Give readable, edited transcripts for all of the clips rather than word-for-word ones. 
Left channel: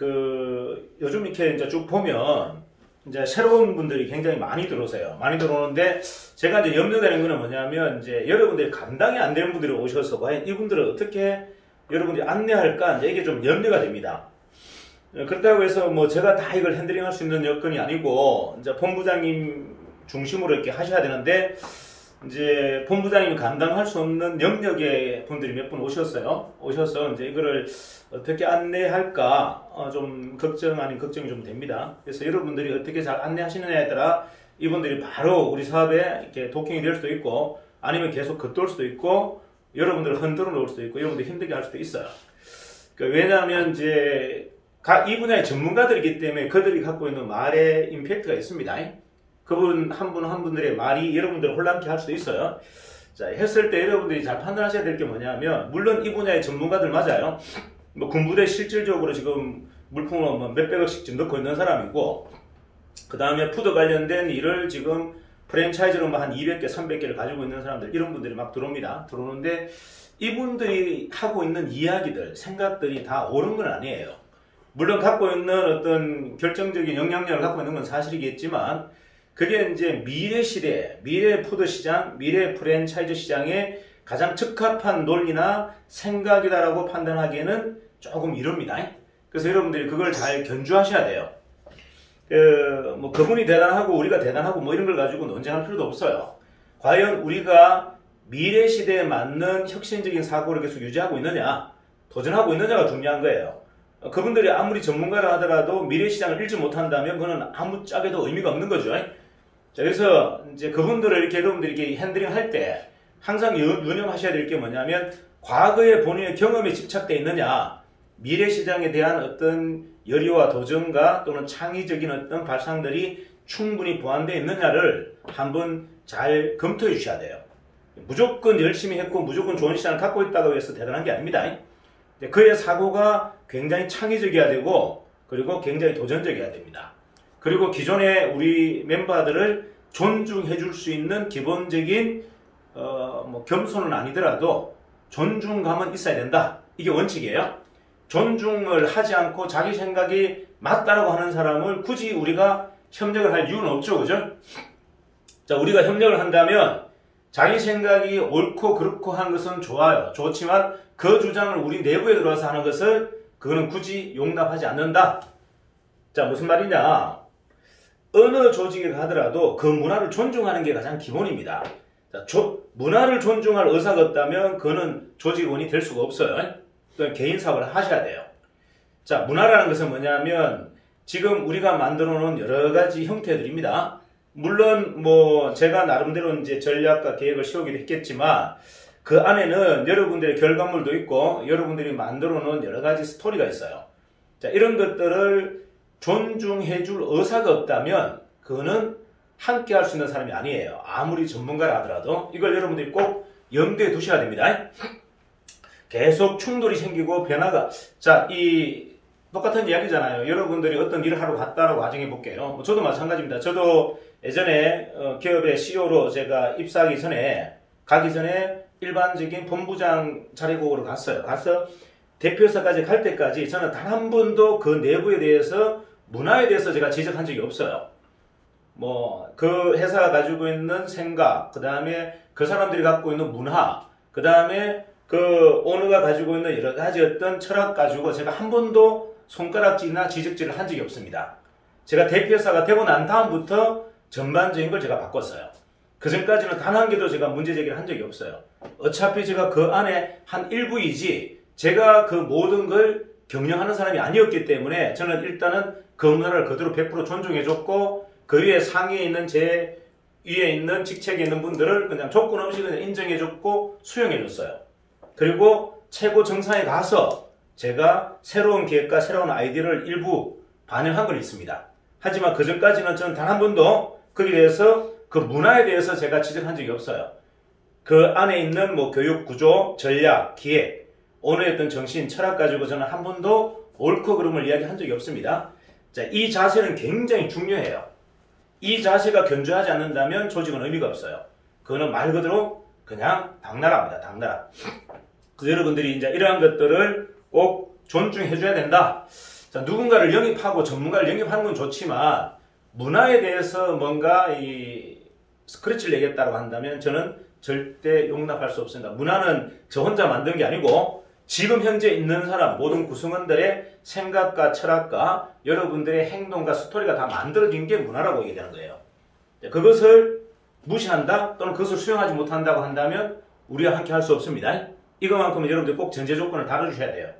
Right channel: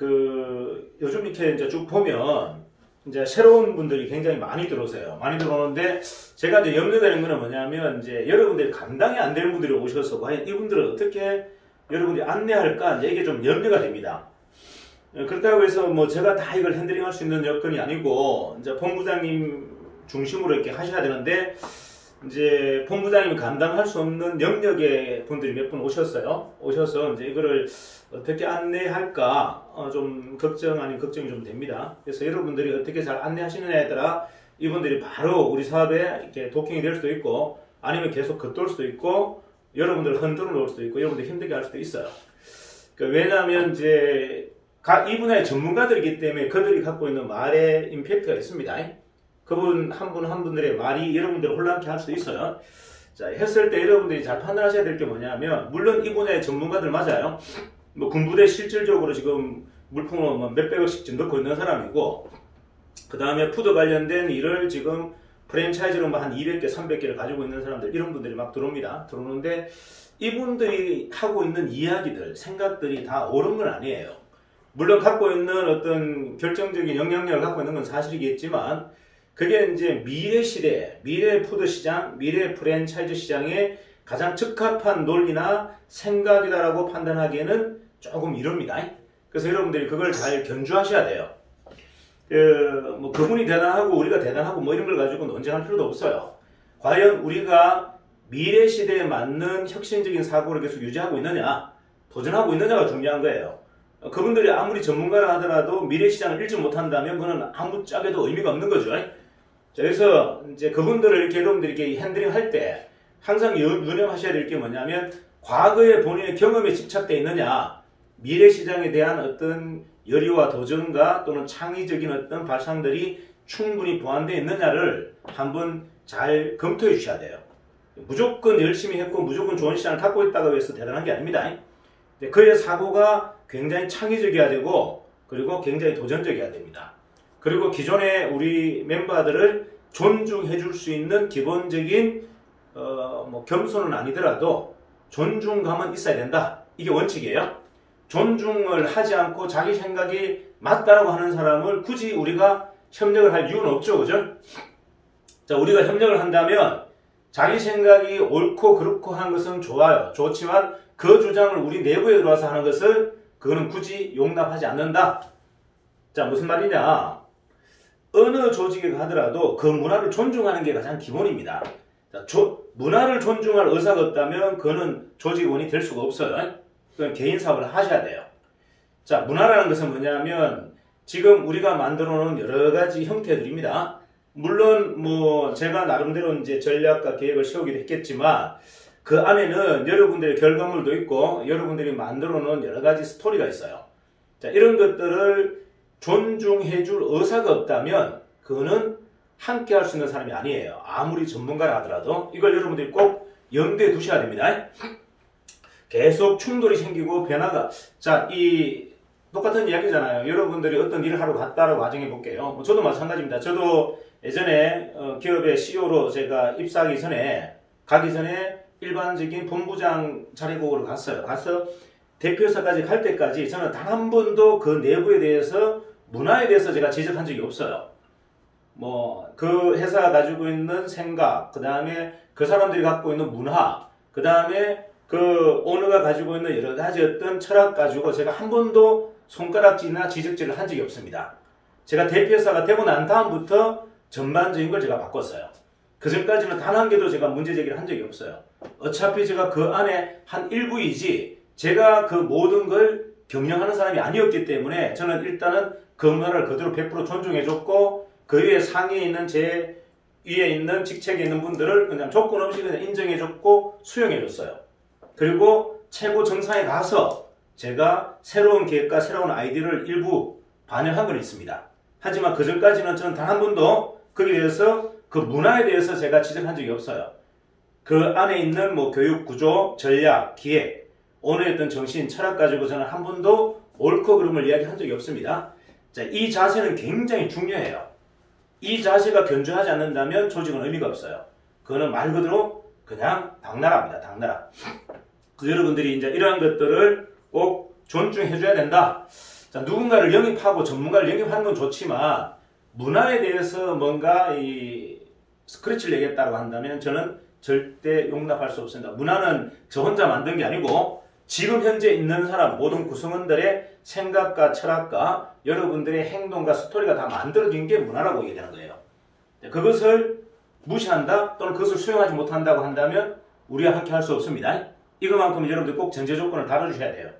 요즘 이렇게 이제 쭉 보면 이제 새로운 분들이 굉장히 많이 들어오세요. 많이 들어오는데 제가 이제 염려되는 거는 뭐냐면 이제 여러분들이 감당이 안 되는 분들이 오셔서 과연 이분들을 어떻게 여러분들이 안내할까 이제 이게 좀 염려가 됩니다. 그렇다고 해서 뭐 제가 다 이걸 핸들링할 수 있는 여건이 아니고 이제 본부장님 중심으로 이렇게 하셔야 되는데 이제 본부장님이 감당할 수 없는 영역의 분들이 몇 분 오셨어요. 오셔서 이제 이거를 어떻게 안내할까 좀 걱정 아닌 걱정이 좀 됩니다. 그래서 여러분들이 어떻게 잘 안내하시느냐에 따라 이분들이 바로 우리 사업에 이렇게 도킹이 될 수도 있고 아니면 계속 겉돌 수도 있고 여러분들을 흔들어 놓을 수도 있고 여러분들 힘들게 할 수도 있어요. 왜냐하면 이제 이 분야의 전문가들이기 때문에 그들이 갖고 있는 말의 임팩트가 있습니다. 그분 한 분들의 말이 여러분들을 혼란케 할 수도 있어요. 자, 했을 때 여러분들이 잘 판단하셔야 될 게 뭐냐면 물론 이 분야의 전문가들 맞아요. 뭐 군부대 실질적으로 지금 물품을 뭐 몇백억씩 지금 넣고 있는 사람이고 그 다음에 푸드 관련된 일을 지금 프랜차이즈로 한 200개, 300개를 가지고 있는 사람들 이런 분들이 막 들어옵니다. 들어오는데 이분들이 하고 있는 이야기들, 생각들이 다 옳은 건 아니에요. 물론 갖고 있는 어떤 결정적인 영향력을 갖고 있는 건 사실이겠지만 그게 이제 미래 시대, 미래 푸드 시장, 미래 프랜차이즈 시장에 가장 적합한 논리나 생각이다라고 판단하기에는 조금 이릅니다. 그래서 여러분들이 그걸 잘 견주하셔야 돼요. 뭐 그분이 대단하고 우리가 대단하고 뭐 이런 걸 가지고 논쟁할 필요도 없어요. 과연 우리가 미래 시대에 맞는 혁신적인 사고를 계속 유지하고 있느냐, 도전하고 있느냐가 중요한 거예요. 그분들이 아무리 전문가라 하더라도 미래 시장을 읽지 못한다면 그거는 아무 짝에도 의미가 없는 거죠. 자, 그래서 이제 그분들을 이렇게 여러분들이 이렇게 핸들링 할 때 항상 유념하셔야 될 게 뭐냐면 과거의 본인의 경험에 집착되어 있느냐, 미래 시장에 대한 어떤 열의와 도전과 또는 창의적인 어떤 발상들이 충분히 보완되어 있느냐를 한번 잘 검토해 주셔야 돼요. 무조건 열심히 했고 무조건 좋은 시장을 갖고 있다고 해서 대단한 게 아닙니다. 그의 사고가 굉장히 창의적이어야 되고 그리고 굉장히 도전적이어야 됩니다. 그리고 기존의 우리 멤버들을 존중해 줄 수 있는 기본적인 뭐 겸손은 아니더라도 존중감은 있어야 된다. 이게 원칙이에요. 존중을 하지 않고 자기 생각이 맞다라고 하는 사람을 굳이 우리가 협력을 할 이유는 없죠. 그죠? 자, 우리가 협력을 한다면 자기 생각이 옳고 그렇고 한 것은 좋아요. 좋지만 그 주장을 우리 내부에 들어와서 하는 것을 그거는 굳이 용납하지 않는다. 자, 무슨 말이냐? 어느 조직에 가더라도 그 문화를 존중하는 게 가장 기본입니다. 자, 문화를 존중할 의사가 없다면 그는 조직원이 될 수가 없어요. 또는 개인 사업을 하셔야 돼요. 자, 문화라는 것은 뭐냐면 지금 우리가 만들어 놓은 여러 가지 형태들입니다. 물론 뭐 제가 나름대로 이제 전략과 계획을 세우기도 했겠지만 그 안에는 여러분들의 결과물도 있고 여러분들이 만들어 놓은 여러 가지 스토리가 있어요. 자, 이런 것들을 존중해 줄 의사가 없다면 그거는 함께 할 수 있는 사람이 아니에요. 아무리 전문가라 하더라도 이걸 여러분들이 꼭 염두에 두셔야 됩니다. 계속 충돌이 생기고 변화가 자, 이 똑같은 이야기잖아요. 여러분들이 어떤 일을 하러 갔다라고 가정해 볼게요. 저도 마찬가지입니다. 저도 예전에 기업의 CEO로 제가 입사하기 전에 가기 전에 일반적인 본부장 자리고를 갔어요. 가서 대표사까지 갈 때까지 저는 단 한 번도 그 내부에 대해서 문화에 대해서 제가 지적한 적이 없어요. 뭐 그 회사가 가지고 있는 생각, 그 다음에 그 사람들이 갖고 있는 문화, 그 다음에 그 오너가 가지고 있는 여러 가지 어떤 철학 가지고 제가 한 번도 손가락질이나 지적질을 한 적이 없습니다. 제가 대표사가 되고 난 다음부터 전반적인 걸 제가 바꿨어요. 그 전까지는 단 한 개도 제가 문제 제기를 한 적이 없어요. 어차피 제가 그 안에 한 일부이지 제가 그 모든 걸 경영하는 사람이 아니었기 때문에 저는 일단은 그 문화를 그대로 100% 존중해줬고 그 위에 상위에 있는 제 위에 있는 직책에 있는 분들을 그냥 조건 없이 그냥 인정해줬고 수용해줬어요. 그리고 최고 정상에 가서 제가 새로운 계획과 새로운 아이디어를 일부 반영한 건 있습니다. 하지만 그 전까지는 저는 단 한 번도 거기에 대해서 그 문화에 대해서 제가 지적한 적이 없어요. 그 안에 있는 뭐 교육 구조, 전략, 기획, 오늘의 어떤 정신, 철학 가지고 저는 한 번도 옳고 그름을 이야기한 적이 없습니다. 자, 이 자세는 굉장히 중요해요. 이 자세가 견조하지 않는다면 조직은 의미가 없어요. 그거는 말 그대로 그냥 당나라입니다. 당나라. 그래서 여러분들이 이제 이러한 것들을 꼭 존중해줘야 된다. 자, 누군가를 영입하고 전문가를 영입하는 건 좋지만 문화에 대해서 뭔가 이 스크래치를 내겠다고 한다면 저는 절대 용납할 수 없습니다. 문화는 저 혼자 만든 게 아니고 지금 현재 있는 사람 모든 구성원들의 생각과 철학과 여러분들의 행동과 스토리가 다 만들어진 게 문화라고 얘기하는 거예요. 그것을 무시한다 또는 그것을 수용하지 못한다고 한다면 우리와 함께 할 수 없습니다. 이것만큼은 여러분들 꼭 전제 조건을 다뤄주셔야 돼요.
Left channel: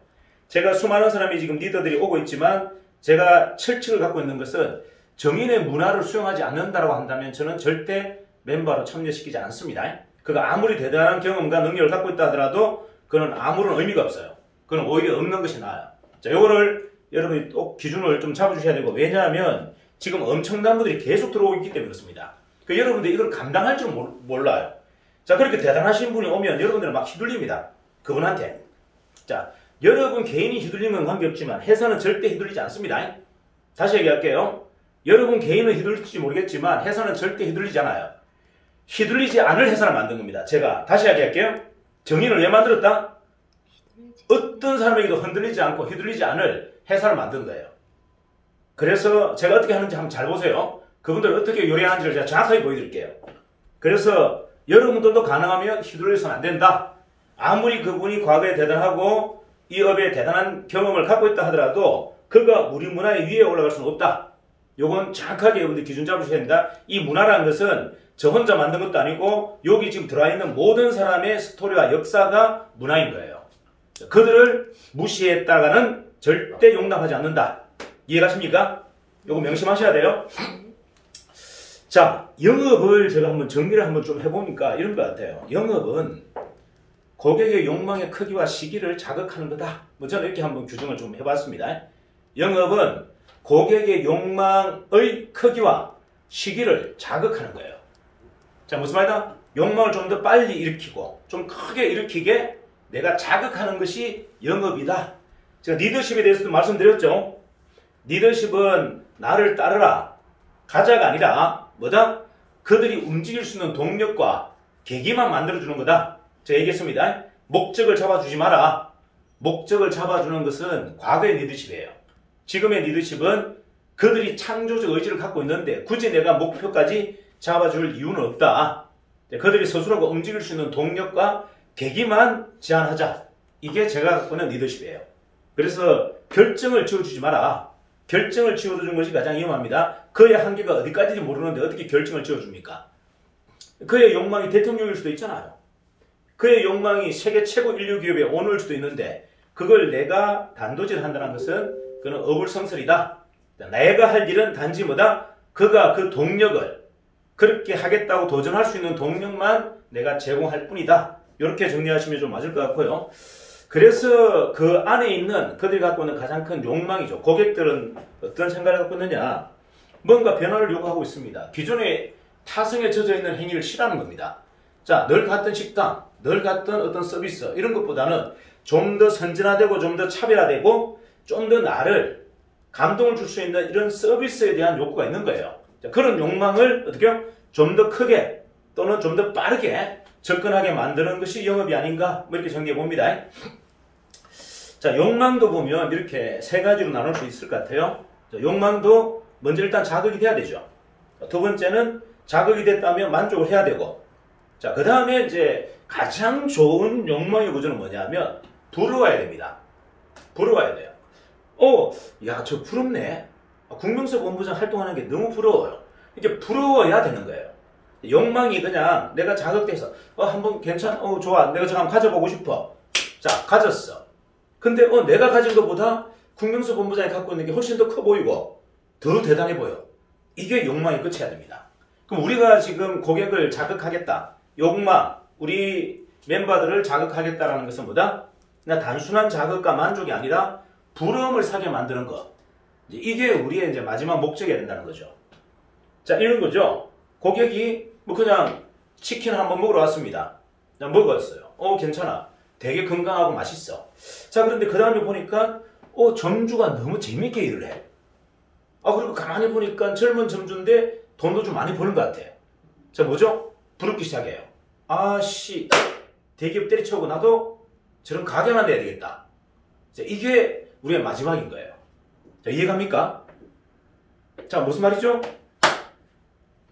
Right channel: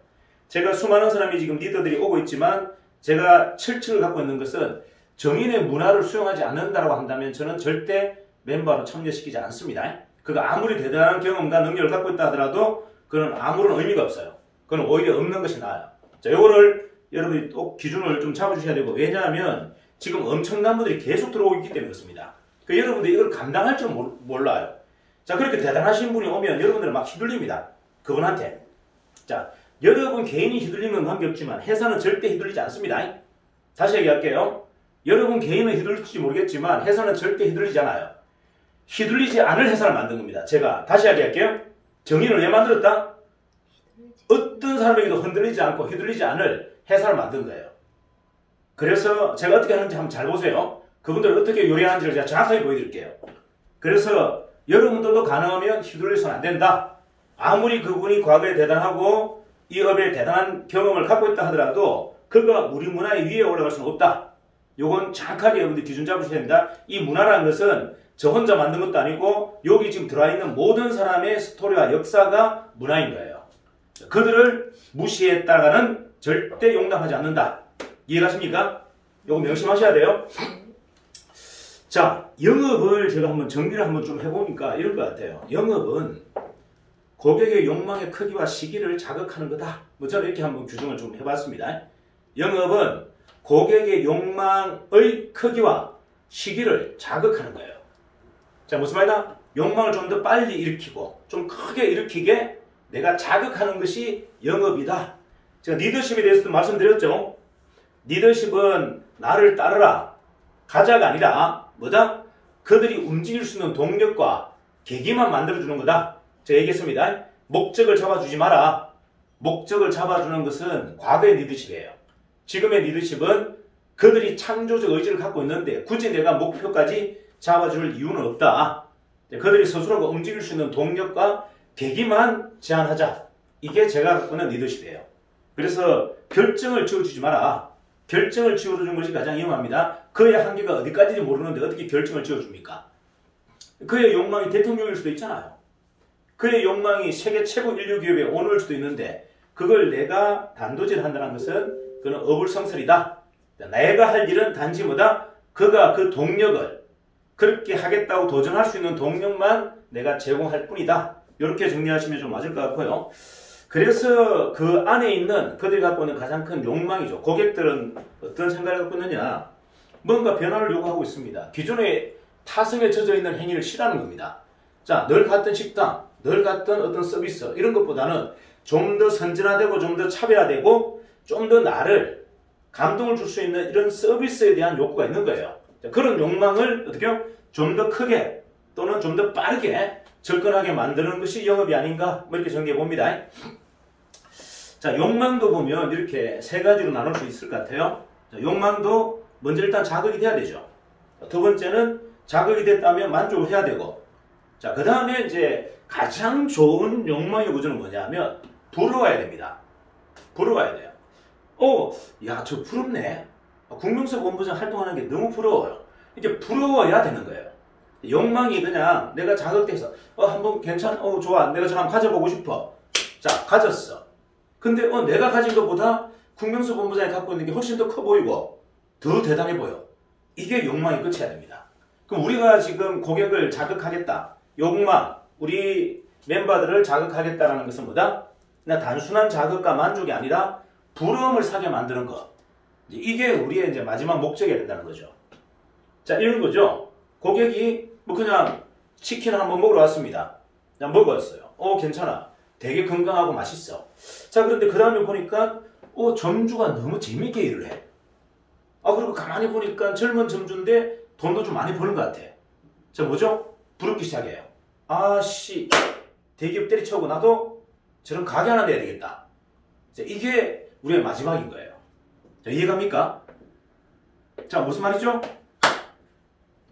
제가 수많은 사람이 지금 리더들이 오고 있지만 제가 철칙을 갖고 있는 것은 정인의 문화를 수용하지 않는다고 한다면 저는 절대 멤버로 참여시키지 않습니다. 그가 아무리 대단한 경험과 능력을 갖고 있다 하더라도 그건 아무런 의미가 없어요. 그건 오히려 없는 것이 나아요. 자, 요거를 여러분이 또 기준을 좀 잡아주셔야 되고, 왜냐하면 지금 엄청난 분들이 계속 들어오고 있기 때문에 그렇습니다. 여러분들이 이걸 감당할 줄 몰라요. 자, 그렇게 대단하신 분이 오면 여러분들은 막 휘둘립니다. 그분한테. 자, 여러분 개인이 휘둘리는 건 관계없지만 회사는 절대 휘둘리지 않습니다. 다시 얘기할게요. 여러분 개인은 휘둘릴지 모르겠지만 회사는 절대 휘둘리지 않아요. 휘둘리지 않을 회사를 만든 겁니다. 제가 다시 얘기할게요. 정의를 왜 만들었다? 어떤 사람에게도 흔들리지 않고 휘둘리지 않을 회사를 만든 거예요. 그래서 제가 어떻게 하는지 한번 잘 보세요. 그분들 어떻게 요리하는지를 제가 정확하게 보여드릴게요. 그래서 여러분들도 가능하면 휘둘려서는 안 된다. 아무리 그분이 과거에 대단하고 이 업에 대단한 경험을 갖고 있다 하더라도 그가 우리 문화의 위에 올라갈 수는 없다. 요건 정확하게 여러분들 기준 잡으셔야 됩니다. 이 문화라는 것은 저 혼자 만든 것도 아니고 여기 지금 들어있는 모든 사람의 스토리와 역사가 문화인 거예요. 그들을 무시했다가는 절대 용납하지 않는다. 이해가십니까? 요거 명심하셔야 돼요. 자, 영업을 제가 한번 정리를 한번 좀 해보니까 이런 것 같아요. 영업은 고객의 욕망의 크기와 시기를 자극하는 거다. 뭐 저는 이렇게 한번 규정을 좀 해봤습니다. 영업은 고객의 욕망의 크기와 시기를 자극하는 거예요. 자, 무슨 말이다? 욕망을 좀 더 빨리 일으키고 좀 크게 일으키게 내가 자극하는 것이 영업이다. 제가 리더십에 대해서도 말씀드렸죠. 리더십은 나를 따르라. 가자가 아니라 뭐다? 그들이 움직일 수 있는 동력과 계기만 만들어주는 거다. 제가 얘기했습니다. 목적을 잡아주지 마라. 목적을 잡아주는 것은 과거의 리더십이에요. 지금의 리더십은 그들이 창조적 의지를 갖고 있는데 굳이 내가 목표까지 잡아줄 이유는 없다. 그들이 스스로가 움직일 수 있는 동력과 계기만 제안하자. 이게 제가 갖고 있는 리더십이에요. 그래서 결정을 지어주지 마라. 결정을 지어주는 것이 가장 위험합니다. 그의 한계가 어디까지인지 모르는데 어떻게 결정을 지어줍니까? 그의 욕망이 대통령일 수도 있잖아요. 그의 욕망이 세계 최고 인류 기업의 오너일 수도 있는데 그걸 내가 단도질한다는 것은 그는 어불성설이다. 내가 할 일은 단지 뭐다? 그가 그 동력을 그렇게 하겠다고 도전할 수 있는 동력만 내가 제공할 뿐이다. 이렇게 정리하시면 좀 맞을 것 같고요. 그래서 그 안에 있는 그들이 갖고 있는 가장 큰 욕망이죠. 고객들은 어떤 생각을 갖고 있느냐? 뭔가 변화를 요구하고 있습니다. 기존의 타성에 젖어 있는 행위를 싫어하는 겁니다. 자, 늘 갔던 식당, 늘 갔던 어떤 서비스 이런 것보다는 좀 더 선진화되고 좀 더 차별화되고 좀 더 나를 감동을 줄 수 있는 이런 서비스에 대한 욕구가 있는 거예요. 자, 그런 욕망을 어떻게요? 좀 더 크게 또는 좀 더 빠르게 접근하게 만드는 것이 영업이 아닌가 뭐 이렇게 정리해 봅니다. 자, 욕망도 보면 이렇게 세 가지로 나눌 수 있을 것 같아요. 자, 욕망도 먼저 일단 자극이 돼야 되죠. 자, 두 번째는 자극이 됐다면 만족을 해야 되고, 자, 그 다음에 이제 가장 좋은 욕망의 구조는 뭐냐면 부러워야 됩니다. 부러워야 돼요. 야, 저 부럽네. 국명석 본부장 활동하는 게 너무 부러워요. 이게 부러워야 되는 거예요. 욕망이 그냥 내가 자극돼서 한번 괜찮아, 좋아, 내가 저 한번 가져보고 싶어. 자, 가졌어. 근데 내가 가진 것보다 국명석 본부장이 갖고 있는 게 훨씬 더 커 보이고 더 대단해 보여. 이게 욕망이 끝이어야 됩니다. 그럼 우리가 지금 고객을 자극하겠다. 욕망, 우리 멤버들을 자극하겠다라는 것은 뭐다? 그냥 단순한 자극과 만족이 아니라 부러움을 사게 만드는 것. 이게 우리의 이제 마지막 목적이 된다는 거죠. 자, 이런 거죠. 고객이 뭐 그냥 치킨 한번 먹으러 왔습니다. 그냥 먹었어요. 괜찮아. 되게 건강하고 맛있어. 자, 그런데 그 다음에 보니까 점주가 너무 재밌게 일을 해. 그리고 가만히 보니까 젊은 점주인데 돈도 좀 많이 버는 것 같아. 자, 뭐죠? 부럽기 시작해요. 대기업 때리쳐오고 나도 저런 가게 하나 내야 되겠다. 자, 이게 우리의 마지막인 거예요. 자, 이해갑니까? 자, 무슨 말이죠?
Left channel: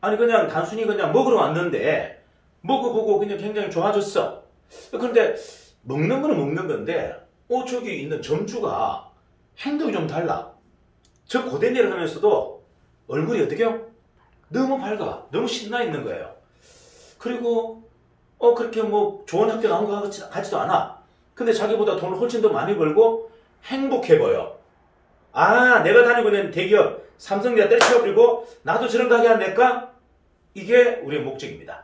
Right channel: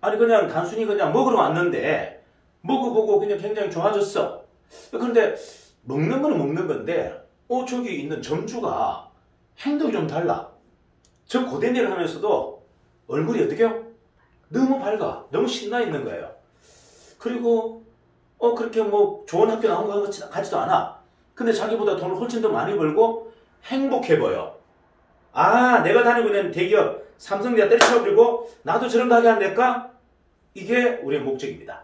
아니 그냥 단순히 그냥 먹으러 왔는데 먹어보고 그냥 굉장히 좋아졌어. 그런데 먹는 거는 먹는 건데 저기 있는 점주가 행동이 좀 달라. 저 고된 일을 하면서도 얼굴이 어떻게요? 너무 밝아. 너무 신나 있는 거예요. 그리고 그렇게 뭐 좋은 학교 나온 것 같지도 않아. 근데 자기보다 돈을 훨씬 더 많이 벌고 행복해 보여. 아, 내가 다니고 있는 대기업 삼성대가 때려치워버리고 나도 저런 가게 안 낼까? 이게 우리의 목적입니다.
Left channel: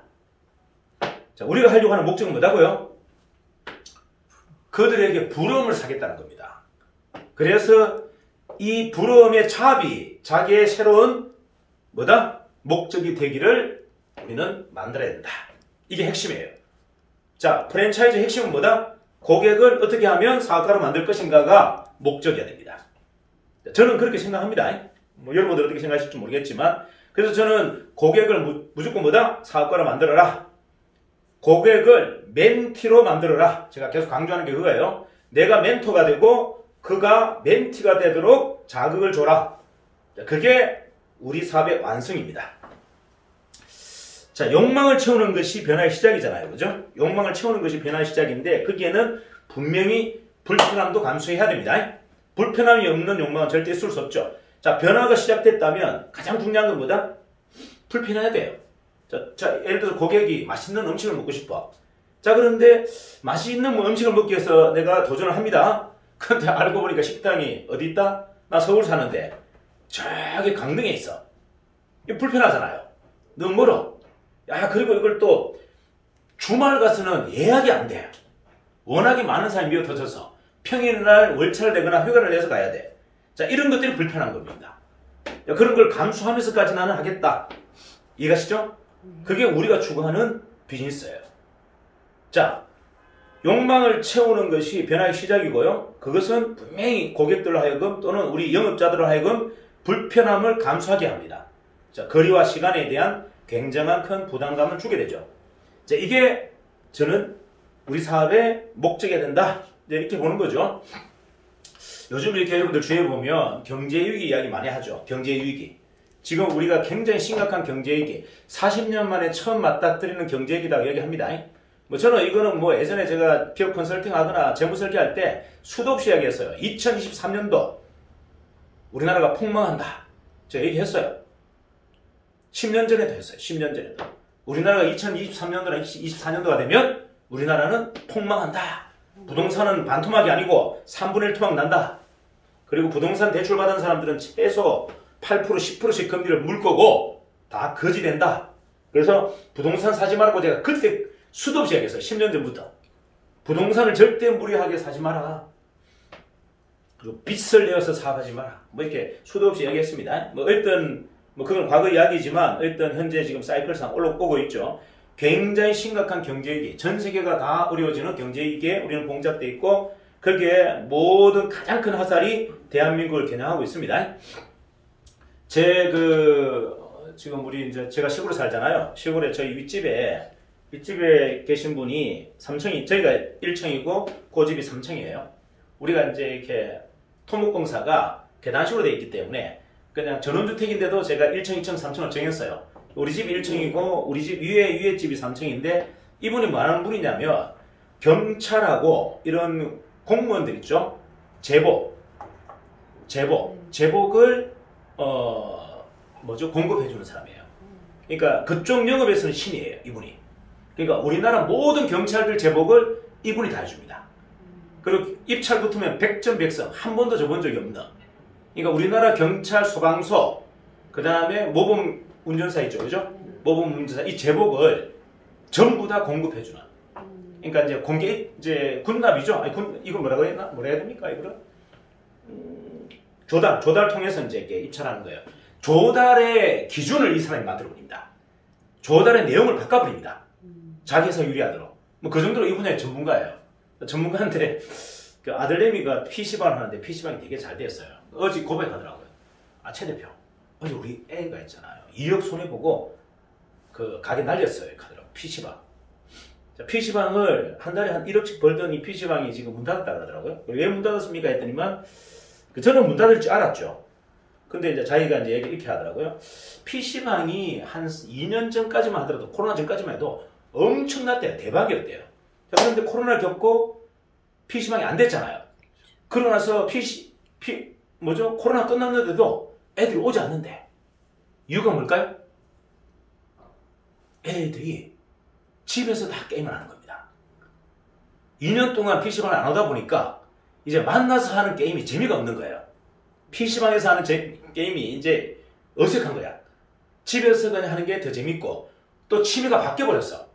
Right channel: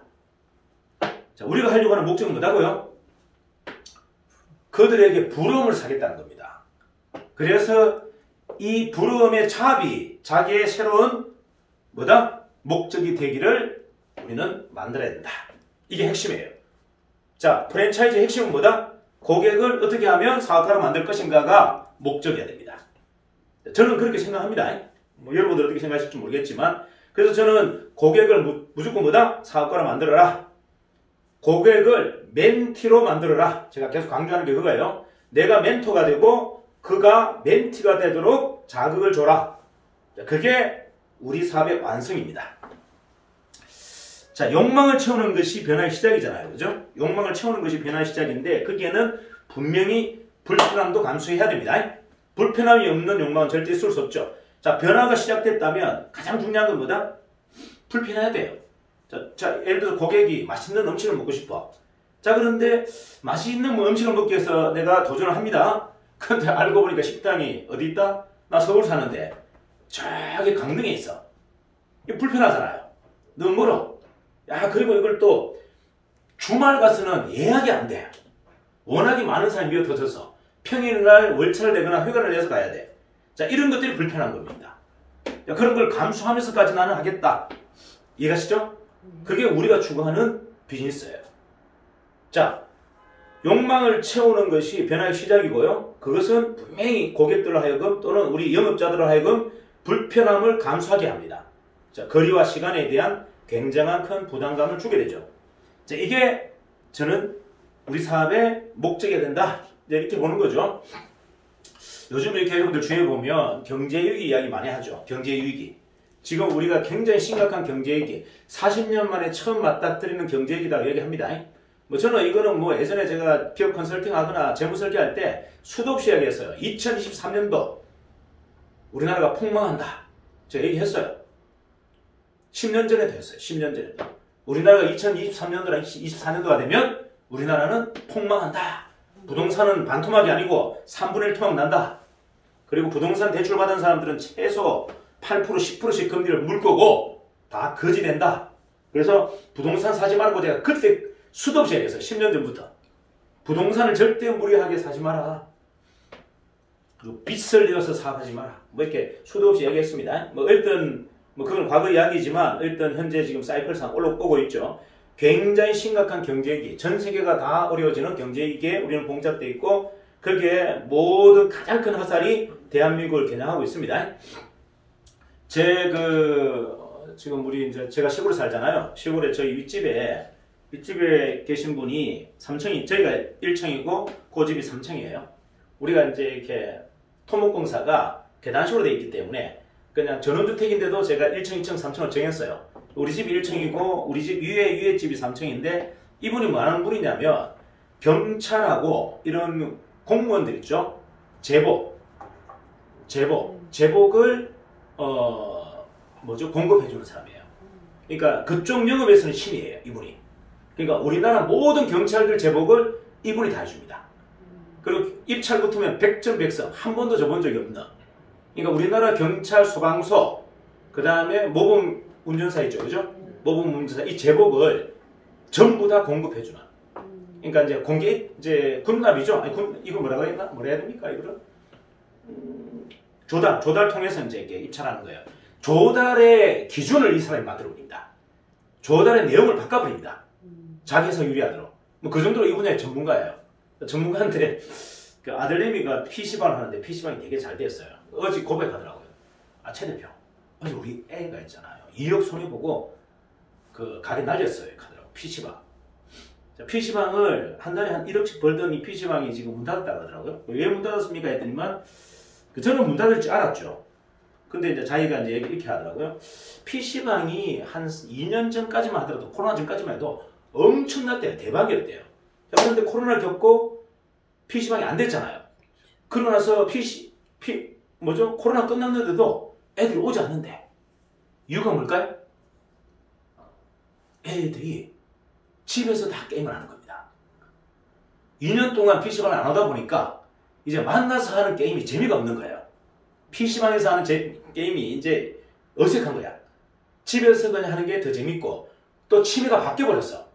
자, 우리가 하려고 하는 목적은 뭐다고요? 그들에게 부러움을 사겠다는 겁니다. 그래서 이 부러움의 차비, 자기의 새로운 뭐다? 목적이 되기를 우리는 만들어야 된다. 이게 핵심이에요. 자, 프랜차이즈 핵심은 뭐다? 고객을 어떻게 하면 사업가로 만들 것인가가 목적이어야 됩니다. 저는 그렇게 생각합니다. 뭐 여러분들 어떻게 생각하실지 모르겠지만, 그래서 저는 고객을 무조건 뭐다? 사업가로 만들어라. 고객을 멘티로 만들어라. 제가 계속 강조하는 게 그거예요. 내가 멘토가 되고 그가 멘티가 되도록 자극을 줘라. 그게 우리 사업의 완성입니다. 자, 욕망을 채우는 것이 변화의 시작이잖아요. 그죠? 욕망을 채우는 것이 변화의 시작인데 거기에는 분명히 불편함도 감수해야 됩니다. 불편함이 없는 욕망은 절대 있을 수 없죠. 자, 변화가 시작됐다면 가장 중요한 건 뭐다? 불편해야 돼요. 자, 예를 들어서 고객이 맛있는 음식을 먹고 싶어. 자, 그런데 맛있는 음식을 먹기 위해서 내가 도전을 합니다. 그런데 알고 보니까 식당이 어디 있다? 나 서울 사는데 저기 강릉에 있어. 이거 불편하잖아요. 너무 멀어. 야, 그리고 이걸 또 주말 가서는 예약이 안 돼. 워낙에 많은 사람이 미어터져서 평일날 월차를 내거나 휴가를 내서 가야 돼. 자, 이런 것들이 불편한 겁니다. 그런 걸 감수하면서까지 나는 하겠다. 이해가시죠? 그게 우리가 추구하는 비즈니스예요. 자, 욕망을 채우는 것이 변화의 시작이고요. 그것은 분명히 고객들로 하여금 또는 우리 영업자들로 하여금 불편함을 감수하게 합니다. 자, 거리와 시간에 대한 굉장한 큰 부담감을 주게 되죠. 자, 이게 저는 우리 사업의 목적이어야 된다. 이렇게 보는 거죠. 요즘 이렇게 여러분들 주위에 보면 경제위기 이야기 많이 하죠. 경제위기. 지금 우리가 굉장히 심각한 경제위기, 40년 만에 처음 맞닥뜨리는 경제위기라고 얘기합니다. 뭐 저는 이거는 뭐 예전에 제가 기업 컨설팅 하거나 재무 설계할 때 수도 없이 이야기했어요. 2023년도 우리나라가 폭망한다. 제가 얘기했어요. 10년 전에도 했어요. 10년 전에도. 우리나라가 2023년도나 24년도가 되면 우리나라는 폭망한다. 부동산은 반토막이 아니고 3분의 1 토막 난다. 그리고 부동산 대출 받은 사람들은 최소 8% 10%씩 금리를 물 거고 다 거지 된다. 그래서 부동산 사지 말고 제가 그때 수도 없이 얘기했어요. 10년 전부터. 부동산을 절대 무리하게 사지 마라. 그리고 빚을 내어서 사업하지 마라. 뭐 이렇게 수도 없이 얘기했습니다. 뭐 어떤 그건 과거 이야기지만 어떤 현재 지금 사이클상 올라오고 있죠. 굉장히 심각한 경제위기, 전 세계가 다 어려워지는 경제위기에 우리는 봉착되어 있고 거기에 모든 가장 큰 화살이 대한민국을 겨냥하고 있습니다. 지금 제가 시골에 살잖아요. 시골에 저희 윗집에 계신 분이 3층이, 저희가 1층이고 그 집이 3층이에요. 우리가 이제 이렇게 토목공사가 계단식으로 되어 있기 때문에 그냥 전원주택인데도 제가 1층, 2층, 3층을 정했어요. 우리 집이 1층이고 우리 집 위에 집이 3층인데 이분이 뭐 하는 분이냐면 경찰하고 이런 공무원들 있죠. 제복을 공급해주는 사람이에요. 그러니까 그쪽 영업에서는 신이에요. 이분이. 그러니까 우리나라 모든 경찰들 제복을 이분이 다 해줍니다. 그리고 입찰 붙으면 100점 100성 한 번도 줘본 적이 없는. 그러니까 우리나라 경찰 소방서 그 다음에 모범 운전사 있죠, 그죠? 모범 운전사 이 제복을 전부 다 공급해주는. 그러니까 이제 군납이죠. 아니, 이거 뭐라고 해야 됩니까? 이거를 조달 통해서 이제 이렇게 입찰하는 거예요. 조달의 기준을 이 사람이 만들어버립니다. 조달의 내용을 바꿔버립니다. 자기 해석 유리하도록. 뭐 그 정도로 이 분야의 전문가예요. 전문가인데 그 아들내미가 PC방을 하는데 PC방이 되게 잘 됐어요. 어제 고백하더라고요. 아, 최 대표. 어제 우리 애가 있잖아요. 2억 손해보고 그 가게 날렸어요. 하더라고요. PC방. 자, PC방을 한 달에 한 1억씩 벌던 이 PC방이 지금 문 닫았다 그러더라고요. 왜 문 닫았습니까? 했더니만 저는 문 닫을 줄 알았죠. 근데 이제 자기가 이제 얘기 이렇게 하더라고요. PC방이 한 2년 전까지만 하더라도, 코로나 전까지만 해도 엄청났대요. 대박이었대요. 자, 그런데 코로나를 겪고 PC방이 안 됐잖아요. 그러고 나서 코로나 끝났는데도 애들이 오지 않는데. 이유가 뭘까요? 애들이 집에서 다 게임을 하는 겁니다. 2년 동안 PC방을 안 오다 보니까 이제 만나서 하는 게임이 재미가 없는 거예요. PC방에서 하는 게임이 이제 어색한 거야. 집에서 그냥 하는 게 더 재밌고, 또 취미가 바뀌어버렸어.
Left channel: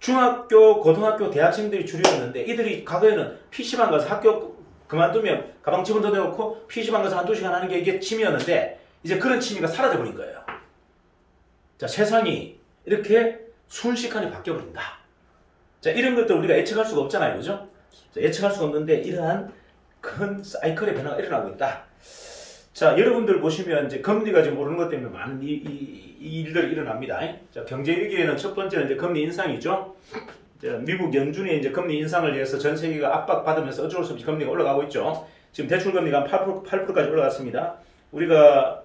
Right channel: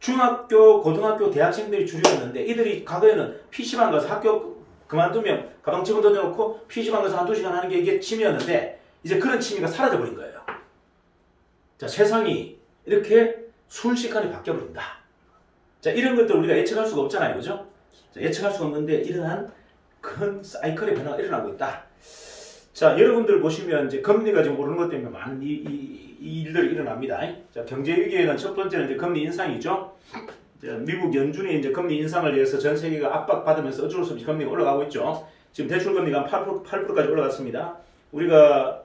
중학교, 고등학교, 대학생들이 주류였는데 이들이 과거에는 PC방 가서 학교 그만두면 가방 집어넣어놓고 PC방 가서 한두 시간 하는 게 이게 취미였는데 이제 그런 취미가 사라져버린 거예요. 자, 세상이 이렇게 순식간에 바뀌어버린다. 자, 이런 것들 우리가 예측할 수가 없잖아요. 그죠? 자, 예측할 수가 없는데 이러한 큰 사이클의 변화가 일어나고 있다. 자, 여러분들 보시면 이제 금리가 지금 오르는 것 때문에 많은 이 일들이 일어납니다. 자, 경제 위기에는 첫 번째는 이제 금리 인상이죠. 미국 연준이 이제 금리 인상을 위해서 전 세계가 압박받으면서 어쩔 수 없이 금리가 올라가고 있죠. 지금 대출 금리가 8%까지 올라갔습니다. 우리가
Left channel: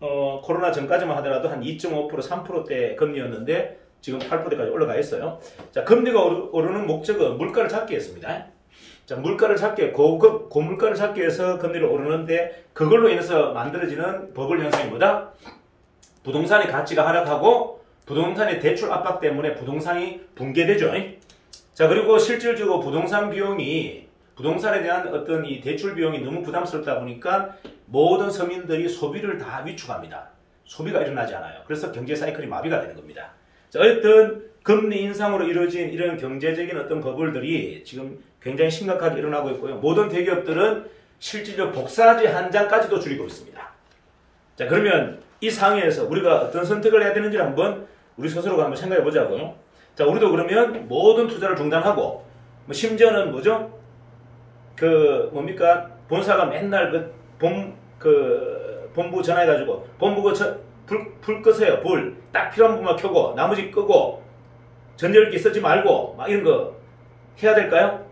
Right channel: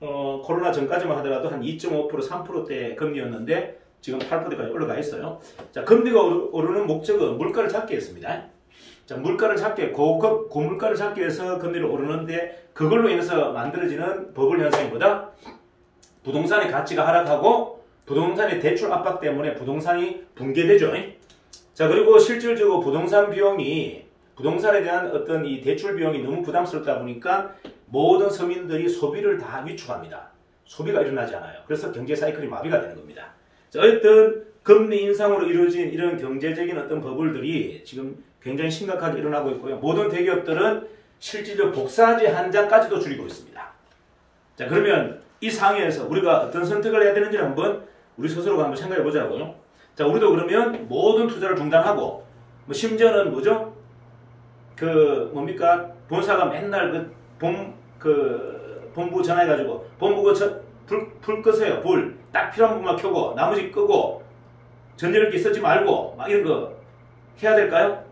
코로나 전까지만 하더라도 한 2.5%, 3%대 금리였는데 지금 8%대까지 올라가 있어요. 자, 금리가 오르는 목적은 물가를 잡기 위해서입니다. 자, 물가를 잡기, 고물가를 잡기 위해서 금리를 오르는데 그걸로 인해서 만들어지는 버블 현상이 뭐다? 부동산의 가치가 하락하고 부동산의 대출 압박 때문에 부동산이 붕괴되죠. 자, 그리고 실질적으로 부동산에 대한 어떤 이 대출 비용이 너무 부담스럽다 보니까 모든 서민들이 소비를 다 위축합니다. 소비가 일어나지 않아요. 그래서 경제 사이클이 마비가 되는 겁니다. 자, 어떤 금리 인상으로 이루어진 이런 경제적인 어떤 버블들이 지금 굉장히 심각하게 일어나고 있고요. 모든 대기업들은 실질적 복사지 한 장까지도 줄이고 있습니다. 자, 그러면 이 상황에서 우리가 어떤 선택을 해야 되는지를 한번 우리 스스로가 한번 생각해 보자고요. 자, 우리도 그러면 모든 투자를 중단하고, 심지어는 뭐죠? 본사가 맨날 본부 전화해가지고, 본부 불 끄세요. 불. 딱 필요한 부분만 켜고, 나머지 끄고, 전자레인지 쓰지 말고, 막 이런 거 해야 될까요?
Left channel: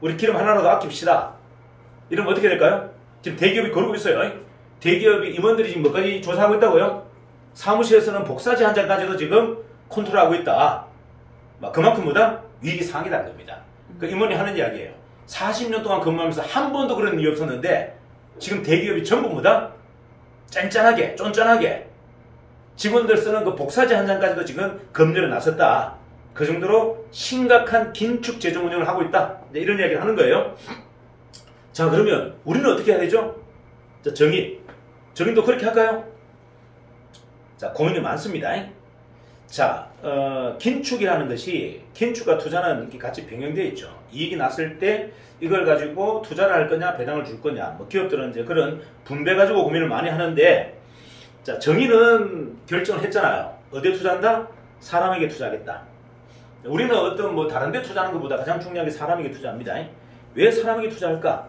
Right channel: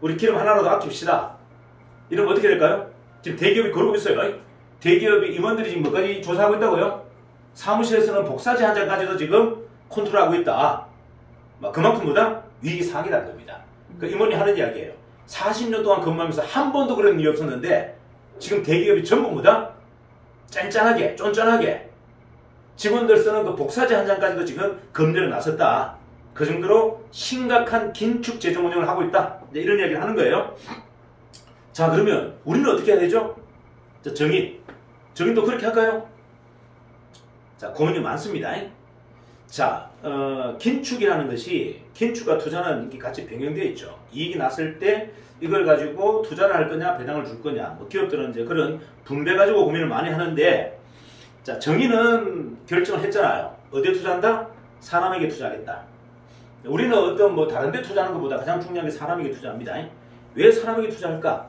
우리 기름 하나라도 아낍시다. 이러면 어떻게 될까요? 지금 대기업이 그러고 있어요. 대기업이 임원들이 지금 뭐까지 조사하고 있다고요? 사무실에서는 복사지 한 장까지도 지금 컨트롤하고 있다. 그만큼 뭐다? 위기 상황이라는 겁니다. 그 임원이 하는 이야기예요. 40년 동안 근무하면서 한 번도 그런 일이 없었는데 지금 대기업이 전부 뭐다? 짠짠하게, 쫀쫀하게 직원들 쓰는 그 복사지 한 장까지도 지금 검열에 나섰다. 그 정도로 심각한 긴축 재정 운영을 하고 있다. 이런 이야기를 하는 거예요. 자, 그러면 우리는 어떻게 해야 되죠? 자, 정인도 그렇게 할까요? 자, 고민이 많습니다. 자, 긴축이라는 것이, 긴축과 투자는 이렇게 같이 병행되어 있죠. 이익이 났을 때 이걸 가지고 투자를 할 거냐, 배당을 줄 거냐. 기업들은 이제 그런 분배 가지고 고민을 많이 하는데, 자, 정의는 결정을 했잖아요. 어디에 투자한다? 사람에게 투자하겠다. 우리는 어떤 다른 데 투자하는 것보다 가장 중요한 게 사람에게 투자합니다. 왜 사람에게 투자할까?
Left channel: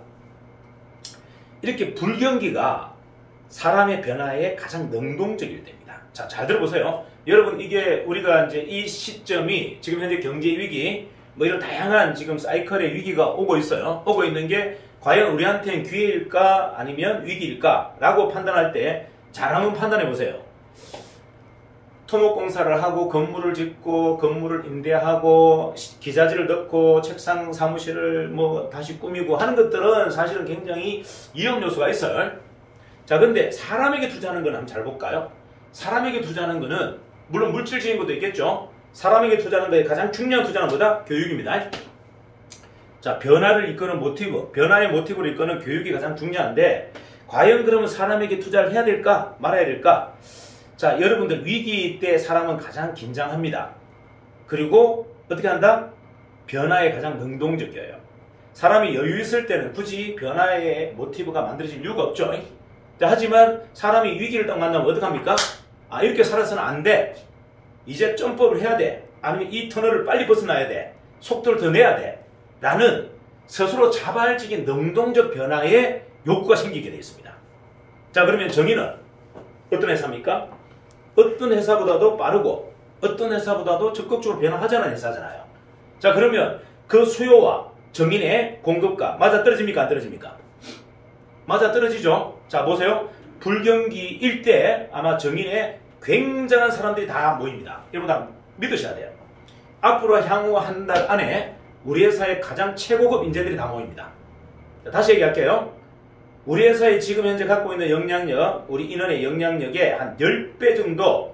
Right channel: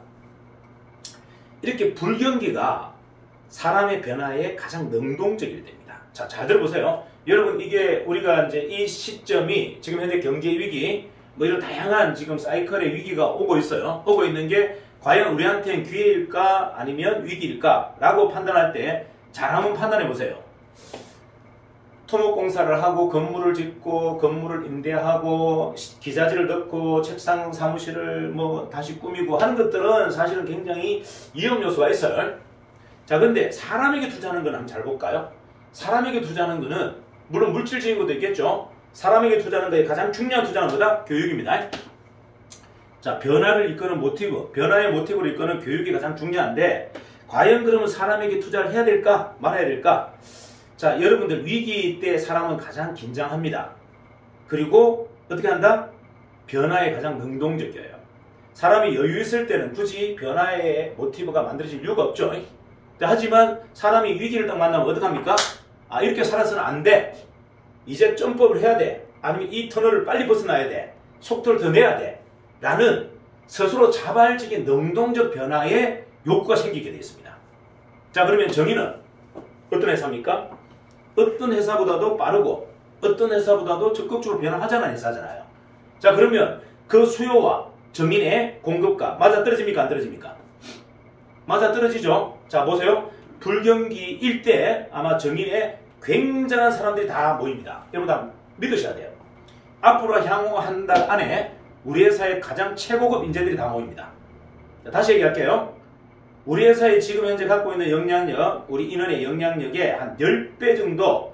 이렇게 불경기가 사람의 변화에 가장 능동적일 때입니다. 자, 잘 들어보세요. 여러분, 이게 우리가 이제 이 시점이 지금 현재 경제 위기, 이런 다양한 지금 사이클의 위기가 오고 있어요. 오고 있는 게 과연 우리한테는 기회일까 아니면 위기일까 라고 판단할 때 잘 한번 판단해 보세요. 토목공사를 하고 건물을 짓고 건물을 임대하고 기자재를 넣고 책상 사무실을 다시 꾸미고 하는 것들은 사실은 굉장히 위험 요소가 있어요. 자, 근데 사람에게 투자하는 건 한번 잘 볼까요? 사람에게 투자하는 거는 물론 물질적인 것도 있겠죠. 사람에게 투자하는 거에 가장 중요한 투자는 뭐다? 교육입니다. 자, 변화를 이끄는 모티브, 변화의 모티브를 이끄는 교육이 가장 중요한데 과연 그러면 사람에게 투자를 해야 될까? 말아야 될까? 자, 여러분들 위기 때 사람은 가장 긴장합니다. 그리고 어떻게 한다? 변화에 가장 능동적이에요. 사람이 여유 있을 때는 굳이 변화의 모티브가 만들어질 이유가 없죠. 자, 하지만 사람이 위기를 딱 만나면 어떡합니까? 아, 이렇게 살아서는 안 돼. 이제 점프업을 해야 돼. 아니면 이 터널을 빨리 벗어나야 돼. 속도를 더 내야 돼. 라는 스스로 자발적인 능동적 변화에 욕구가 생기게 되어 있습니다. 자, 그러면 정의는 어떤 회사입니까? 어떤 회사보다도 빠르고 어떤 회사보다도 적극적으로 변화하자는 회사잖아요. 자, 그러면 그 수요와 정인의 공급과 맞아떨어집니까? 안 떨어집니까? 맞아떨어지죠. 자 보세요. 불경기 일대 아마 정인에 굉장한 사람들이 다 모입니다. 여러분 다 믿으셔야 돼요. 앞으로 향후 한 달 안에 우리 회사의 가장 최고급 인재들이 다 모입니다. 자, 다시 얘기할게요. 우리 회사에 지금 현재 갖고 있는 영향력, 우리 인원의 영향력의 한 10배 정도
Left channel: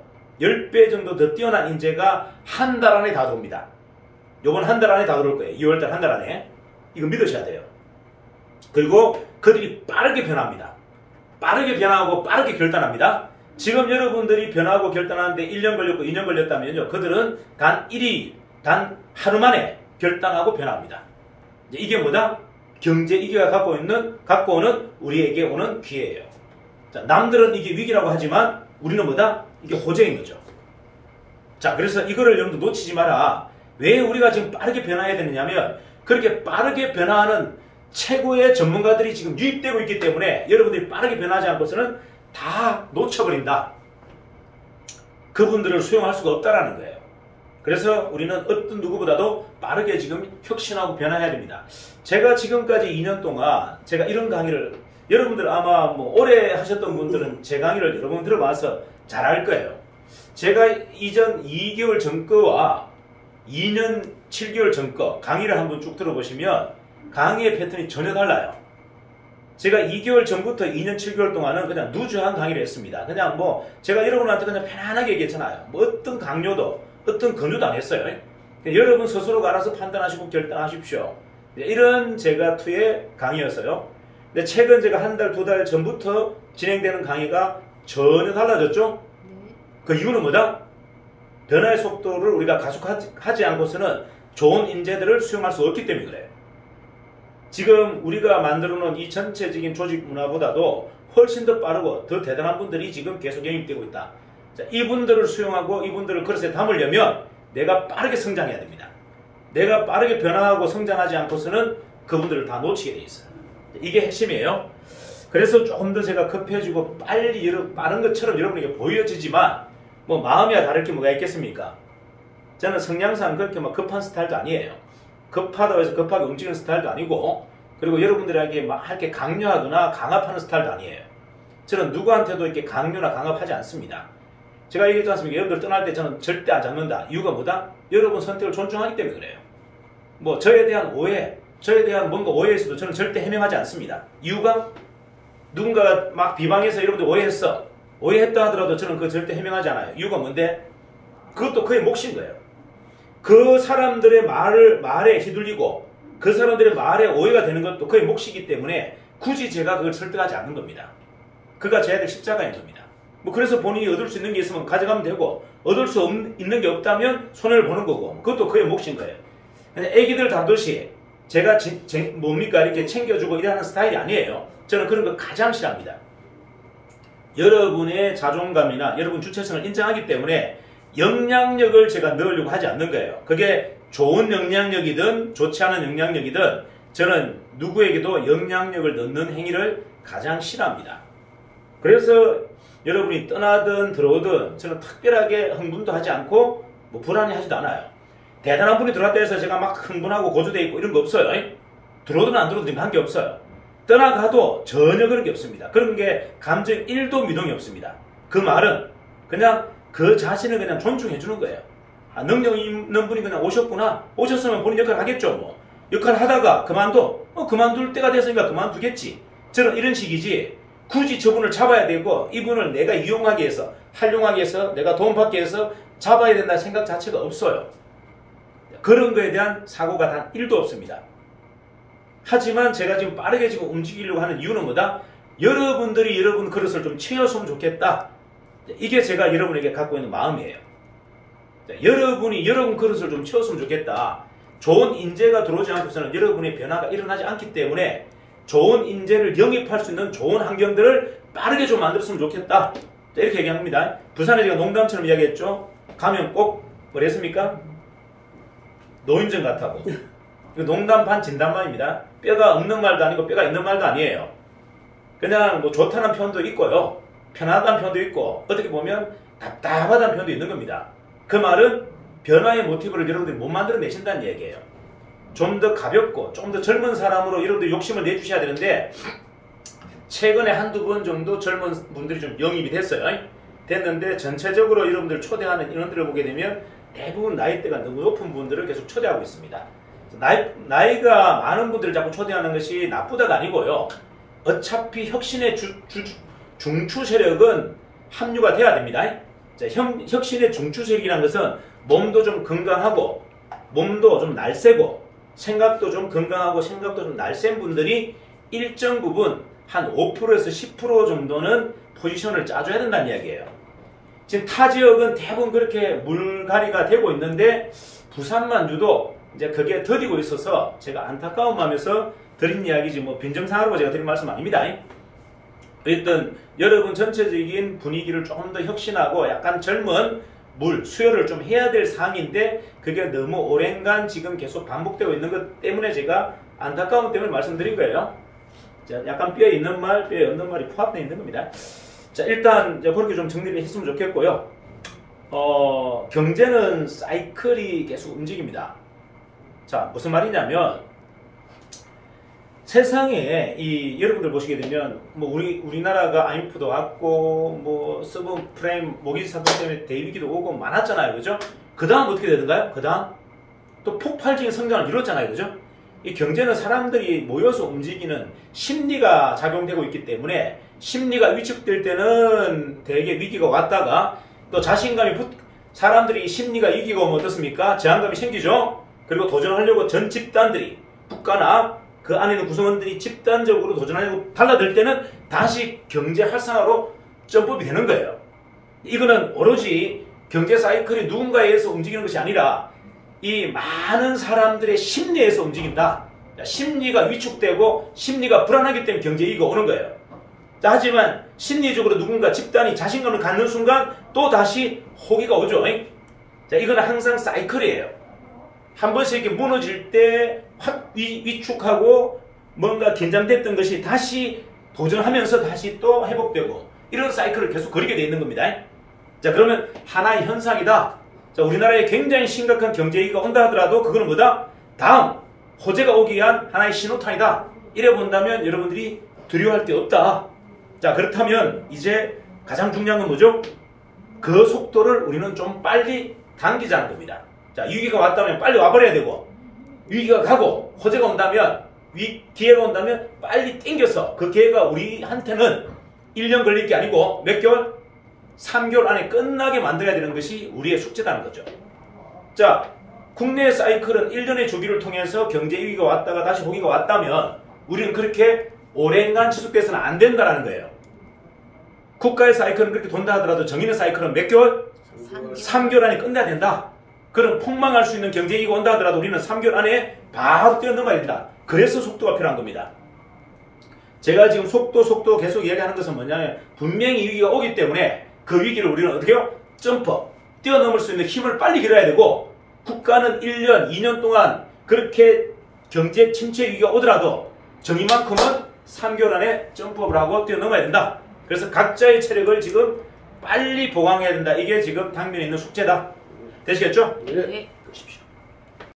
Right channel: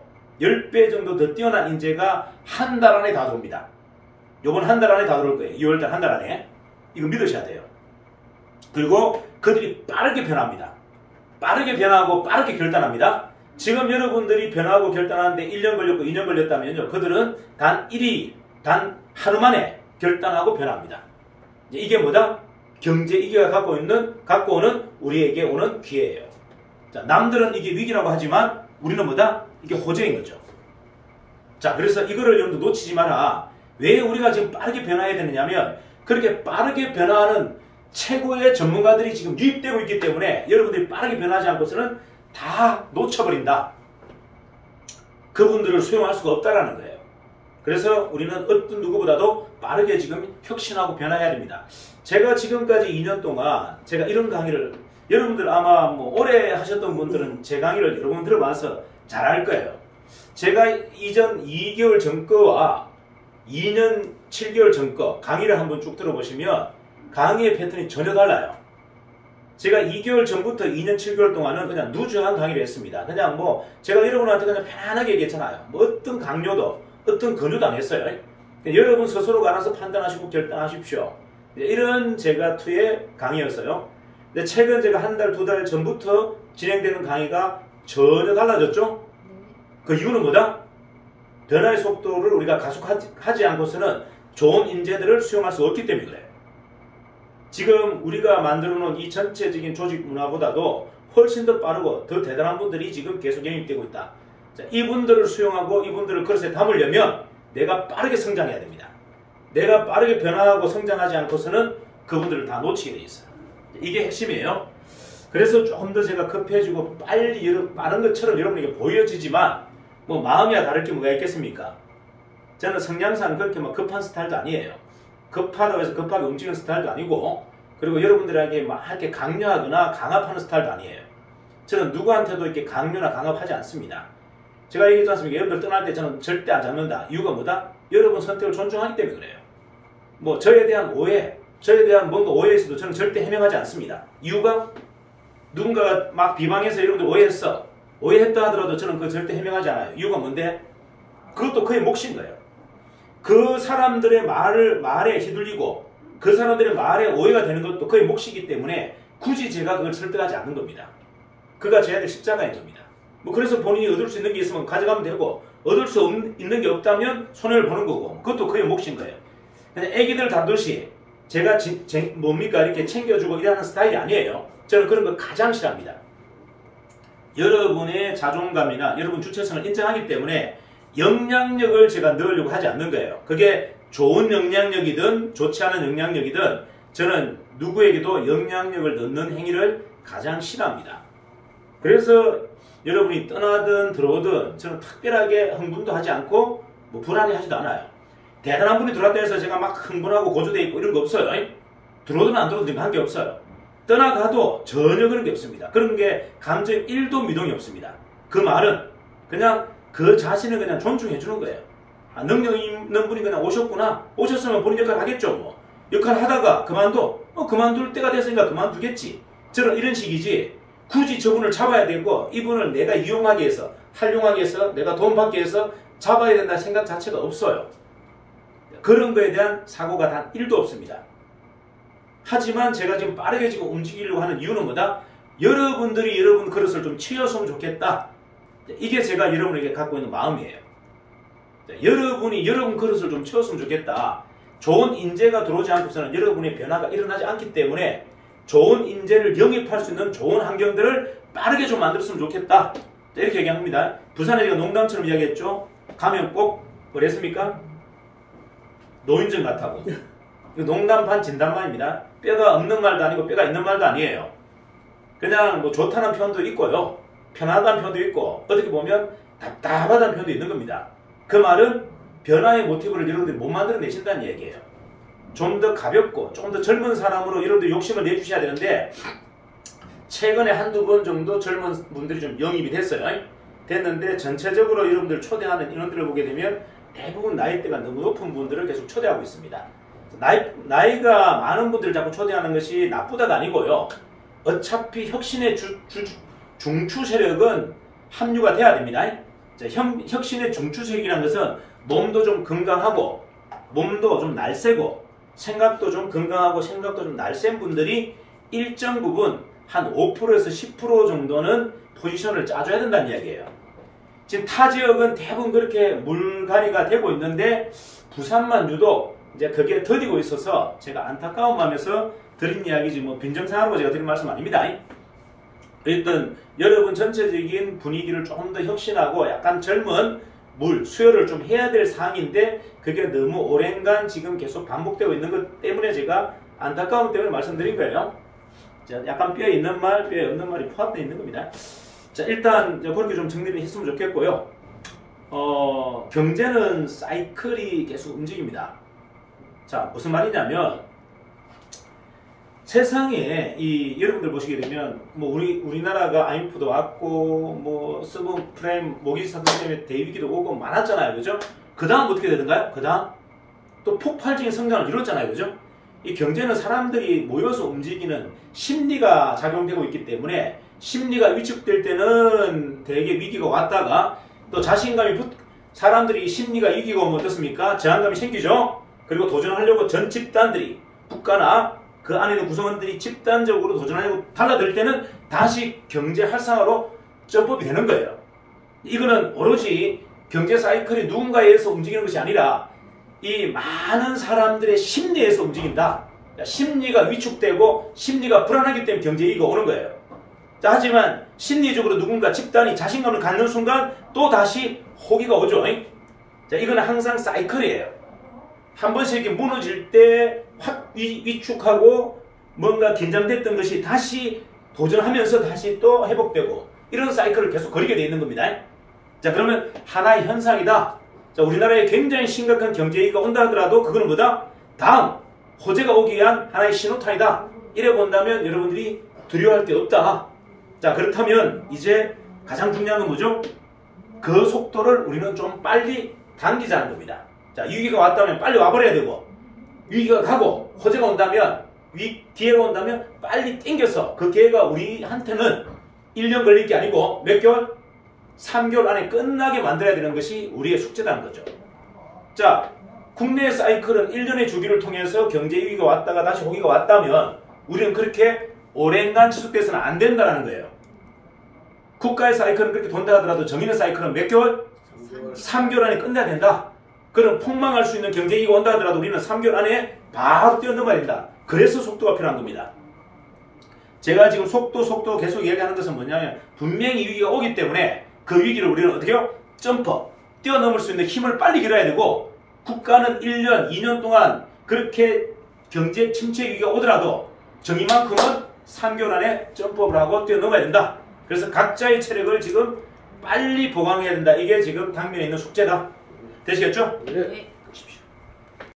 더 뛰어난 인재가 한 달 안에 다 들어옵니다. 요번 한 달 안에 다 들어올 거예요. 2월달 한 달 안에. 이거 믿으셔야 돼요. 그리고 그들이 빠르게 변합니다. 빠르게 변하고 빠르게 결단합니다. 지금 여러분들이 변하고 결단하는데 1년 걸렸고 2년 걸렸다면요. 그들은 단 하루 만에 결단하고 변합니다. 이게 뭐다? 경제 위기가 갖고 오는 우리에게 오는 기회예요. 자, 남들은 이게 위기라고 하지만 우리는 뭐다? 이게 호재인 거죠. 자, 그래서 이거를 여러분들 놓치지 마라. 왜 우리가 지금 빠르게 변화해야 되느냐면 그렇게 빠르게 변화하는 최고의 전문가들이 지금 유입되고 있기 때문에 여러분들이 빠르게 변하지 않고서는 다 놓쳐버린다. 그분들을 수용할 수가 없다라는 거예요. 그래서 우리는 어떤 누구보다도 빠르게 지금 혁신하고 변화해야 됩니다. 제가 지금까지 2년 동안 제가 이런 강의를 여러분들 아마 뭐 오래 하셨던 분들은 제 강의를 여러 번 들어봐서 잘 알 거예요. 제가 이전 2개월 전 거와 2년 7개월 전 거 강의를 한번 쭉 들어보시면 강의의 패턴이 전혀 달라요. 제가 2개월 전부터 2년 7개월 동안은 그냥 누주한 강의를 했습니다. 그냥 뭐 제가 여러분한테 그냥 편안하게 얘기했잖아요. 뭐 어떤 강요도 어떤 권유도 안 했어요. 여러분 스스로가 알아서 판단하시고 결단하십시오. 이런 제가 투의 강의였어요. 근데 최근 제가 한 달, 두 달 전부터 진행되는 강의가 전혀 달라졌죠? 그 이유는 뭐다? 변화의 속도를 우리가 가속하지 않고서는 좋은 인재들을 수용할 수 없기 때문에 그래요. 지금 우리가 만들어 놓은 이 전체적인 조직 문화보다도 훨씬 더 빠르고 더 대단한 분들이 지금 계속 영입되고 있다. 자, 이분들을 수용하고 이분들을 그릇에 담으려면 내가 빠르게 성장해야 됩니다. 내가 빠르게 변화하고 성장하지 않고서는 그분들을 다 놓치게 돼 있어요. 이게 핵심이에요. 그래서 조금 더 제가 급해지고 빠른 것처럼 여러분에게 보여지지만 뭐 마음이야 다를 게 뭐가 있겠습니까? 저는 성향상 그렇게 막 급한 스타일도 아니에요. 급하다고 해서 급하게 움직이는 스타일도 아니고 그리고 여러분들에게 막 이렇게 강요하거나 강압하는 스타일도 아니에요. 저는 누구한테도 이렇게 강요나 강압하지 않습니다. 제가 얘기했지 않습니까? 여러분들 떠날 때 저는 절대 안 잡는다. 이유가 뭐다? 여러분 선택을 존중하기 때문에 그래요. 뭐 저에 대한 오해, 저에 대한 뭔가 오해에 있어도 저는 절대 해명하지 않습니다. 이유가 누군가가 막 비방해서 여러분들 오해했다 하더라도 저는 그거 절대 해명하지 않아요. 이유가 뭔데? 그것도 그의 몫인 거예요. 그 사람들의 말에 휘둘리고 그 사람들의 말에 오해가 되는 것도 그의 몫이기 때문에 굳이 제가 그걸 설득하지 않는 겁니다. 그가 져야 될 십자가인 겁니다. 뭐 그래서 본인이 얻을 수 있는 게 있으면 가져가면 되고 얻을 수 있는 게 없다면 손해를 보는 거고 그것도 그의 몫인 거예요. 근데 애기들 다듯이 제가 뭡니까 이렇게 챙겨주고 이러는 스타일이 아니에요. 저는 그런 거 가장 싫어합니다. 여러분의 자존감이나 여러분 주체성을 인정하기 때문에 영향력을 제가 넣으려고 하지 않는 거예요. 그게 좋은 영향력이든 좋지 않은 영향력이든 저는 누구에게도 영향력을 넣는 행위를 가장 싫어합니다. 그래서 여러분이 떠나든 들어오든 저는 특별하게 흥분도 하지 않고 뭐 불안해하지도 않아요. 대단한 분이 들어왔다 해서 제가 막 흥분하고 고조돼 있고 이런 거 없어요. 들어오든 안 들어오든 한 게 없어요. 떠나가도 전혀 그런 게 없습니다. 그런 게 감정 1도 미동이 없습니다. 그 말은 그냥 그 자신을 그냥 존중해 주는 거예요. 아, 능력 있는 분이 그냥 오셨구나. 오셨으면 본인 역할 하겠죠. 뭐 역할 하다가 그만둘 때가 됐으니까 그만두겠지. 저는 이런 식이지. 굳이 저분을 잡아야 되고 이분을 내가 이용하기 위해서 활용하기 위해서 내가 도움받기 위해서 잡아야 된다는 생각 자체가 없어요. 그런 거에 대한 사고가 단 1도 없습니다. 하지만 제가 지금 빠르게 지금 움직이려고 하는 이유는 뭐다? 여러분들이 여러분 그릇을 좀 치웠으면 좋겠다. 이게 제가 여러분에게 갖고 있는 마음이에요. 여러분이 여러분 그릇을 좀 치웠으면 좋겠다. 좋은 인재가 들어오지 않고서는 여러분의 변화가 일어나지 않기 때문에 좋은 인재를 영입할 수 있는 좋은 환경들을 빠르게 좀 만들었으면 좋겠다. 이렇게 얘기합니다. 부산에 제가 농담처럼 이야기했죠. 가면 꼭 뭐랬습니까? 노인정 같다고. 농담 반 진담반입니다. 뼈가 없는 말도 아니고 뼈가 있는 말도 아니에요. 그냥 뭐 좋다는 편도 있고요. 편하다는 편도 있고 어떻게 보면 답답하다는 편도 있는 겁니다. 그 말은 변화의 모티브를 여러분들이 못 만들어내신다는 얘기예요. 좀 더 가볍고 조금 더 젊은 사람으로 여러분들 욕심을 내주셔야 되는데 최근에 한두 번 정도 젊은 분들이 좀 영입이 됐어요. 됐는데 전체적으로 여러분들 초대하는 인원들을 보게 되면 대부분 나이대가 너무 높은 분들을 계속 초대하고 있습니다. 나이가 많은 분들을 자꾸 초대하는 것이 나쁘다가 아니고요. 어차피 혁신의 중추 세력은 합류가 돼야 됩니다. 자, 혁신의 중추 세력이라는 것은 몸도 좀 건강하고 몸도 좀 날쌔고 생각도 좀 건강하고 생각도 좀 날쌘 분들이 일정 부분 한 5%에서 10% 정도는 포지션을 짜줘야 된다는 이야기예요. 지금 타 지역은 대부분 그렇게 물갈이가 되고 있는데 부산만 유독 이제 그게 더디고 있어서 제가 안타까운 마음에서 드린 이야기지 뭐 빈정상하라고 제가 드린 말씀 아닙니다. 어쨌든 여러분 전체적인 분위기를 조금 더 혁신하고 약간 젊은 수혈을 좀 해야 될 사항인데 그게 너무 오랜간 지금 계속 반복되고 있는 것 때문에 제가 안타까움 때문에 말씀드린 거예요. 자, 약간 뼈에 있는 말, 뼈에 없는 말이 포함되어 있는 겁니다. 자, 일단 그렇게 좀 정리를 했으면 좋겠고요. 경제는 사이클이 계속 움직입니다. 자, 무슨 말이냐면 세상에 여러분들 보시게 되면 뭐 우리나라가 IMF도 왔고 뭐 서브프라임 모기지 사건 때문에 대위기도 오고 많았잖아요, 그죠? 그 다음 어떻게 되던가요? 그 다음 또 폭발적인 성장을 이뤘잖아요, 그죠? 이 경제는 사람들이 모여서 움직이는 심리가 작용되고 있기 때문에 심리가 위축될 때는 대개 위기가 왔다가 또 자신감이 사람들이 심리가 이기고 오면 어떻습니까? 저항감이 생기죠? 그리고 도전하려고 전 집단들이 국가나 그 안에 있는 구성원들이 집단적으로 도전하려고 달라들 때는 다시 경제 활성화로 점프업이 되는 거예요. 이거는 오로지 경제 사이클이 누군가에 의해서 움직이는 것이 아니라 이 많은 사람들의 심리에서 움직인다. 심리가 위축되고 심리가 불안하기 때문에 경제위기가 오는 거예요. 자, 하지만 심리적으로 누군가 집단이 자신감을 갖는 순간 또 다시 호기가 오죠. 자, 이거는 항상 사이클이에요. 한 번씩 이렇게 무너질 때 확 위축하고 뭔가 긴장됐던 것이 다시 도전하면서 다시 또 회복되고 이런 사이클을 계속 거리게 돼 있는 겁니다. 자, 그러면 하나의 현상이다. 자, 우리나라에 굉장히 심각한 경제위기가 온다 하더라도 그거는 뭐다? 다음 호재가 오기 위한 하나의 신호탄이다. 이래 본다면 여러분들이 두려워할 게 없다. 자, 그렇다면 이제 가장 중요한 건 뭐죠? 그 속도를 우리는 좀 빨리 당기자는 겁니다. 자, 위기가 왔다면 빨리 와버려야 되고 위기가 가고 호재가 온다면 기회가 온다면 빨리 땡겨서 그 기회가 우리한테는 1년 걸릴 게 아니고 몇 개월? 3개월 안에 끝나게 만들어야 되는 것이 우리의 숙제라는 거죠. 자, 국내 사이클은 1년의 주기를 통해서 경제 위기가 왔다가 다시 호기가 왔다면 우리는 그렇게 오랜간 지속돼서는 안 된다는 거예요. 국가의 사이클은 그렇게 돈다 하더라도 정의는 사이클은 몇 개월? 3개월 안에 끝내야 된다. 그럼 폭망할 수 있는 경제위기가 온다 하더라도 우리는 3개월 안에 바로 뛰어넘어야 된다. 그래서 속도가 필요한 겁니다. 제가 지금 속도 계속 얘기하는 것은 뭐냐면 분명히 위기가 오기 때문에 그 위기를 우리는 어떻게 해요? 점프, 뛰어넘을 수 있는 힘을 빨리 길어야 되고 국가는 1년, 2년 동안 그렇게 경제 침체 위기가 오더라도 정의만큼은 3개월 안에 점프업을 하고 뛰어넘어야 된다. 그래서 각자의 체력을 지금 빨리 보강해야 된다. 이게 지금 당면에 있는 숙제다. 되시겠죠? 네.